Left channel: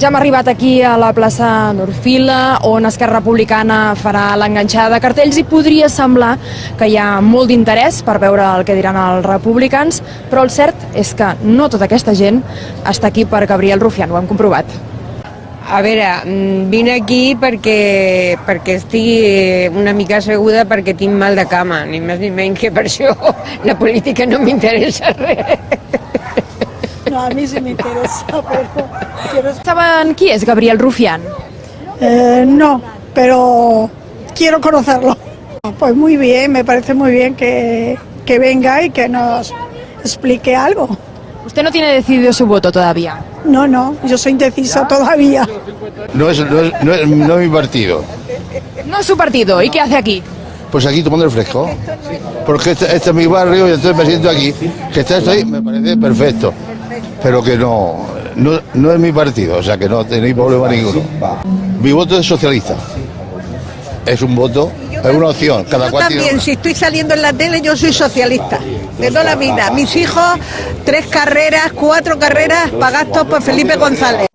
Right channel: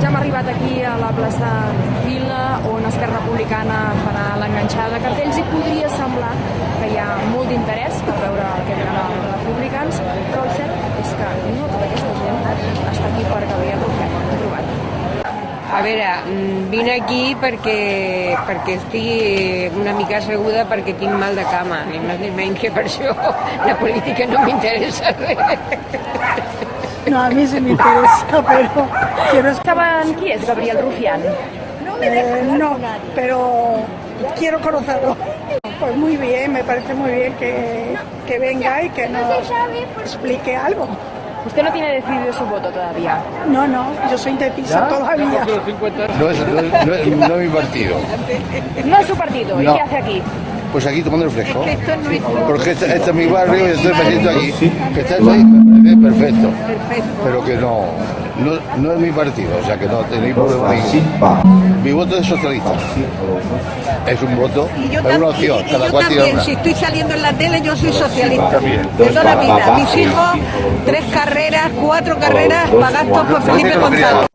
Ja hem arribat aquí a la plaça Norfila, on Esquerra Republicana farà l'enganxada de cartells i podria semblar que hi ha molt d'interès per veure el que diran els republicans, però el cert és que no tota aquesta gent està aquí per Gabriel Rufián, ho hem comprovat. A veure, vine aquí perquè estic una mica asseguda perquè tinc mal de cama, ni més ni menys, que per això la política no m'interessa res. No, a mí sí me interesa, pero quiero... Saben qui és Gabriel Rufián? No, pero quiero conocerlo. Pues muy bien, me parece muy bien que venga y que nos explique algo. Usted no tiene decidido su voto todavía. No, yo soy indecisa todavía. No es mi partido. No es su partido, ¿y No. qué hace aquí? Pues aquí tomando el fresco. Porque este es mi barrio y entonces me siento aquí. Que estés ahí me parece perfecto. Pero que no es mi partido, o sea que no tenéis problema ninguno. Mi voto es socialista. Es un voto, es una opción. Cada cual tiene otra. Si estoy saliendo en la tele, yo soy socialista. De toda la vida. Mis hijos, 3 carreras, 4 carreras, pagados por Felipe González.